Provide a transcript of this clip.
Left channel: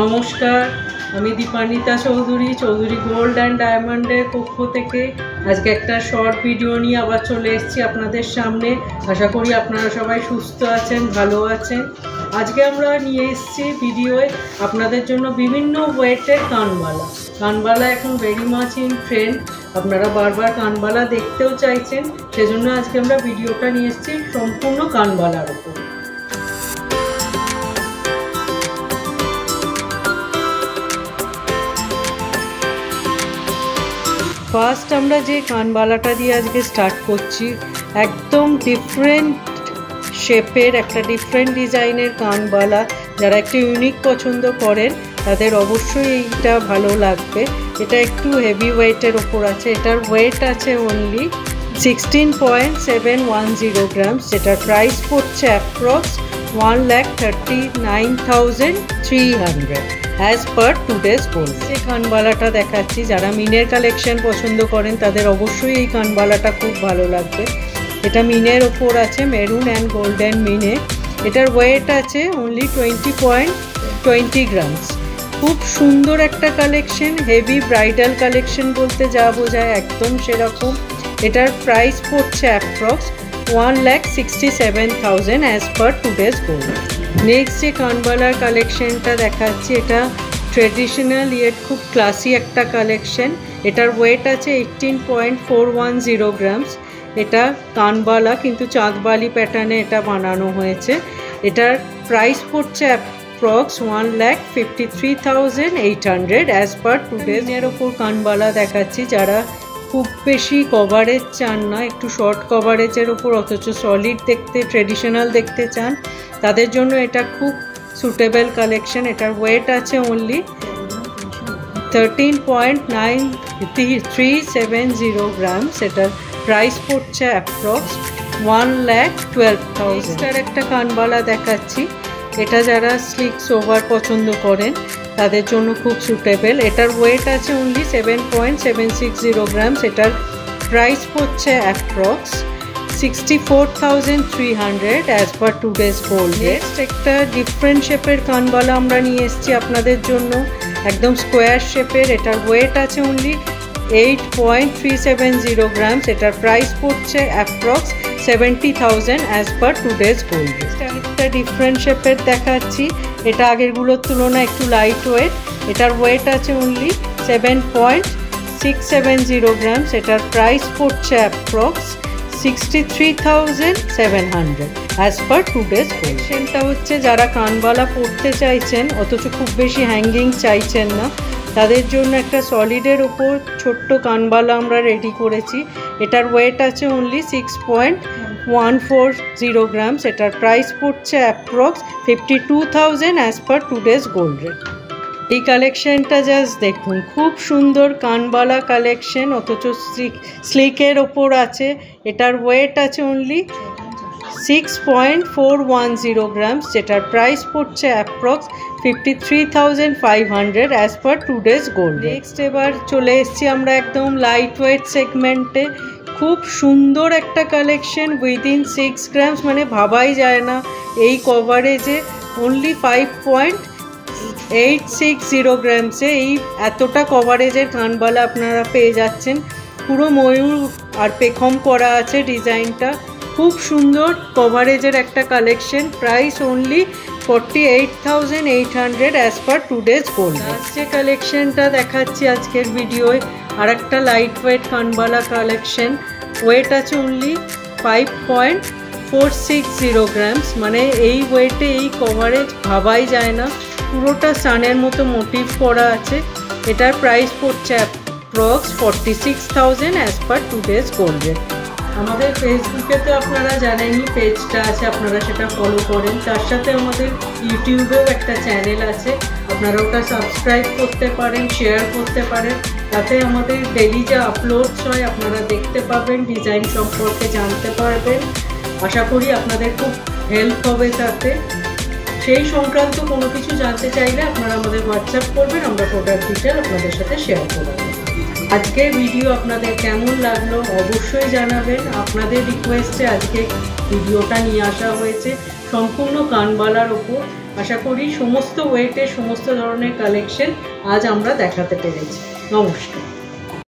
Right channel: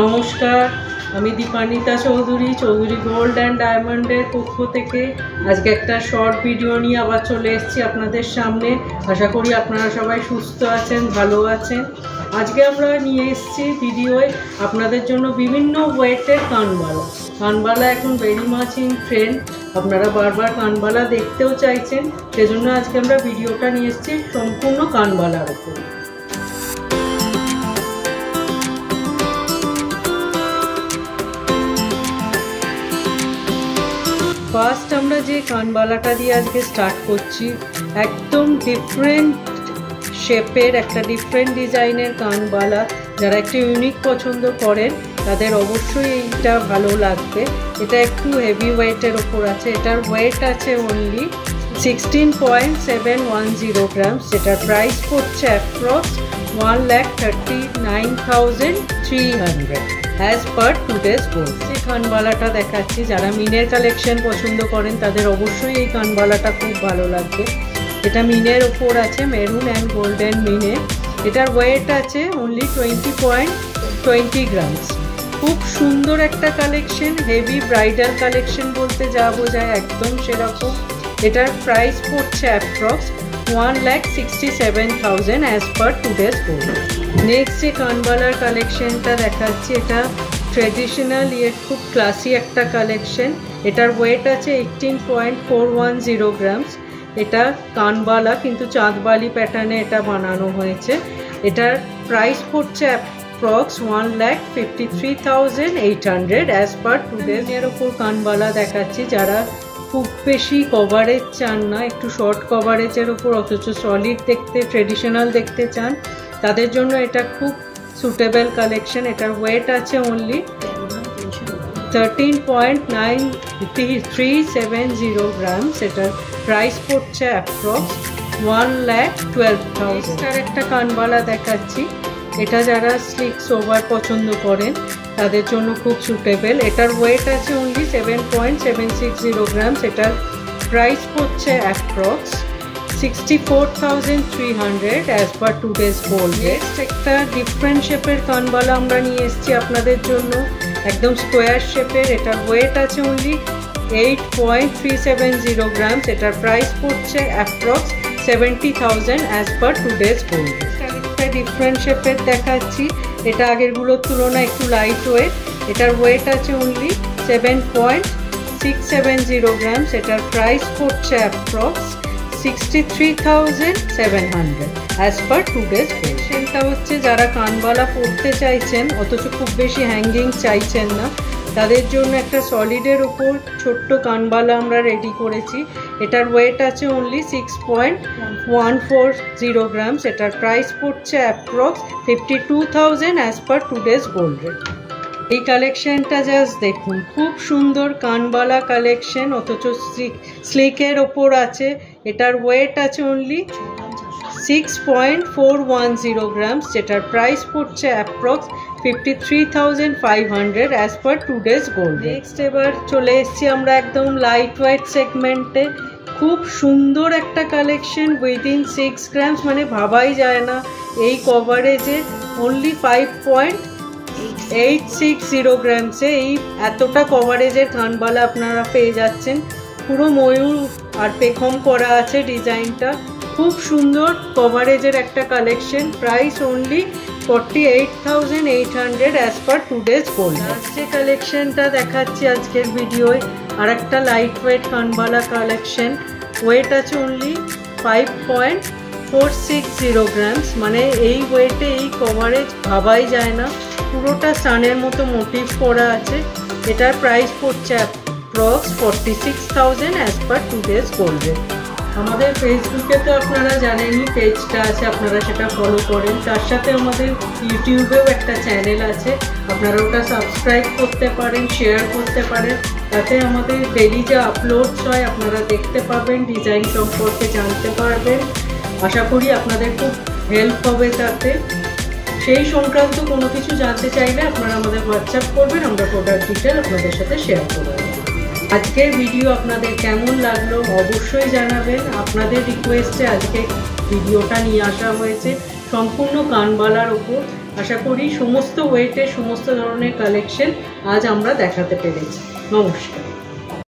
নমস্কার, আমি Dipanwita Chowdhury Chowdhury gold and ডায়মন্ডের পক্ষ থেকে আজকে একটা শর্ট ভিডিও নিয়ে আবার চলে এসেছি আপনাদের সামনে। আশা করি আপনারা সবাই সুস্থ আছেন, ভালো আছেন। আজকে আমরা নিয়ে এসেছি ভিডিওয় আপনাদের জন্য বিভিন্ন ওয়েটের কানবালা এখন ভেরি মাচ ইন ট্রেন্ড। আপনারা বারবার কানবালা দেখতেও চাইছেন, সেজন্য আজকে আমরা ভিডিওটা নিয়ে এসেছি সম্পূর্ণ কানবালার ওপর। ফার্স্ট আমরা যে কানবালাটা দিয়ে আজকে স্টার্ট করছি, একদম ডিফারেন্ট শেপের একটা ডিফারেন্ট ডিজাইনের কানবালা। যারা একটু ইউনিক পছন্দ করেন তাদের অবশ্যই এইটা ভালো লাগবে। এটা একটু হেভি ওয়েটের ওপর আছে। এটার ওয়েট আছে অনলি 16.710 গ্রামস, যেটার প্রাইস পড়ছে approx 1,39,300 as per today's gold. এই কানবালাটা দেখাচ্ছি, যারা মিনের কালেকশন পছন্দ করেন তাদের অবশ্যই এই কানবালাটা খুব ভালো লাগবে। এটা মিনের ওপর আছে, মেরুন অ্যান্ড গোল্ডেন মিনে। এটার ওয়েট আছে অনলি 20.20 গ্রামস। খুব সুন্দর একটা কালেকশন, হেভি ব্রাইডাল কালেকশন বলতে যা বোঝায় একদম সেরকম। এটার প্রাইস পড়ছে approx 1,67,000 as per today's gold. Next যে কানবালার কালেকশনটা দেখাচ্ছি, এটা ট্রেডিশনাল ইয়েট খুব ক্লাসি একটা কালেকশন। এটার ওয়েট আছে 18.410 গ্রামস। এটা কানবালা কিন্তু চাঁদবালি প্যাটার্নে এটা বানানো হয়েছে। এটার প্রাইস পড়ছে অ্যাপ্রক্স 1,53,800 অ্যাজ পার টুডেজ। এর ওপর কানবালা দেখাচ্ছি, যারা খুব বেশি কভারেজ চান না, একটু শর্ট কভারেজের ওপর অথচ সলিড দেখতে ট্রেডিশনাল দেখতে চান, তাদের জন্য এটা খুব সুটেবল কালেকশন। এটার ওয়েট আছে অনলি 13.9370 গ্রামস। এটার প্রাইস পড়ছে অ্যাপ্রক্স 1,12,000। একটা কানবালা দেখাচ্ছি, এটা যারা স্লিক সোভার পছন্দ করেন তাদের জন্য খুব সুটেবল। এটার ওয়েট আছে অনলি 7.760 গ্রামস। এটার প্রাইস পড়ছে approx 64,300 as per today's gold. Next একটা ডিফারেন্ট শেপের কানবালা আমরা নিয়ে এসেছি আপনাদের জন্য, একদম স্কোয়ার শেপের। এটার ওয়েট আছে অনলি 8.370 গ্রামস। এটার প্রাইস পড়ছে approx 70,000 as per today's gold. একটা ডিফারেন্ট শেপের দেখাচ্ছি, এটা আগেরগুলোর তুলনায় একটু লাইট ওয়েট। এটার ওয়েট আছে অনলি 7.670 গ্রামস। এটার প্রাইস পড়ছে approx 63,700 as per today's gold. সেটা হচ্ছে যারা কানবালা পরতে চাইছেন অথচ খুব বেশি হ্যাঙ্গিং চাইছেন না, তাদের জন্য একটা সলিডের ওপর ছোট্ট কানবালা আমরা রেডি করেছি। এটার ওয়েট আছে অনলি 6.140 গ্রামস। এটার প্রাইস পড়ছে approx 52,000 as per today's gold rate. এই কালেকশনটা জাস্ট দেখুন, খুব সুন্দর কানবালা কালেকশন অথচ স্লিকের ওপর আছে। এটার ওয়েট আছে অনলি 6.410 গ্রামস, যেটার প্রাইস পড়ছে approx 53,500 as per today's gold. Next এবার চলে এসেছি আমরা একদম লাইট ওয়েট সেগমেন্টে। খুব সুন্দর একটা কালেকশন উইদিন 6 গ্রামস, মানে ভাবাই যায় না এই কভারেজে অনলি 5.860 গ্রামসে এই এতটা কভারেজের কানবালা আপনারা পেয়ে যাচ্ছেন। পুরো ময়ূর আর পেখম করা আছে ডিজাইনটা, খুব সুন্দর কভারেজের একটা collection. Price only 48,800 as per today's gold. যে কালেকশনটা দেখাচ্ছি আজকের ভিডিওয়, আর একটা লাইট ওয়েট কানবালা কালেকশন। ওয়েট আছে অনলি 5.460 গ্রামস, মানে এই ওয়েটে এই কভারেজ ভাবাই যায় না। পুরোটা সানের মতো মোটিভ করা আছে। এটার প্রাইস পড়ছে approx 46,000 as per today's gold rate. আমাদের ফেসবুকে তো আপনারা জানেনই পেজটা আছে, আপনারা সেটা ফলো করেন। তার সাথে আমাদের ইউটিউবেও একটা চ্যানেল আছে, আপনারা ওটা সাবস্ক্রাইব করতে পারেন, শেয়ার করতে পারেন। তাতে আমাদের ডেইলি যে আপলোডস হয় আপনারা দেখতে পাবেন, ডিজাইন সম্পর্কে জানতে পারবেন। আশা করি আপনাদের খুব হেল্প হবে তাতে। সেই সংক্রান্ত কোনো কিছু জানতে চাইলে আপনারা আমাদের হোয়াটসঅ্যাপ করবেন, আমরা প্রোডাক্ট ডিটেল আপনাদের সাথে শেয়ার করব। আজকের ভিডিও আপনাদের কেমন লাগলো অবশ্যই জানাবেন। আপনাদের রিকোয়েস্টে আজকে ভিডিওটা নিয়ে আসা হয়েছে সম্পূর্ণ কানবালার ওপর। আশা করি সমস্ত ওয়েটের সমস্ত ধরনের কালেকশন আজ আমরা দেখাতে পেরেছি। নমস্কার।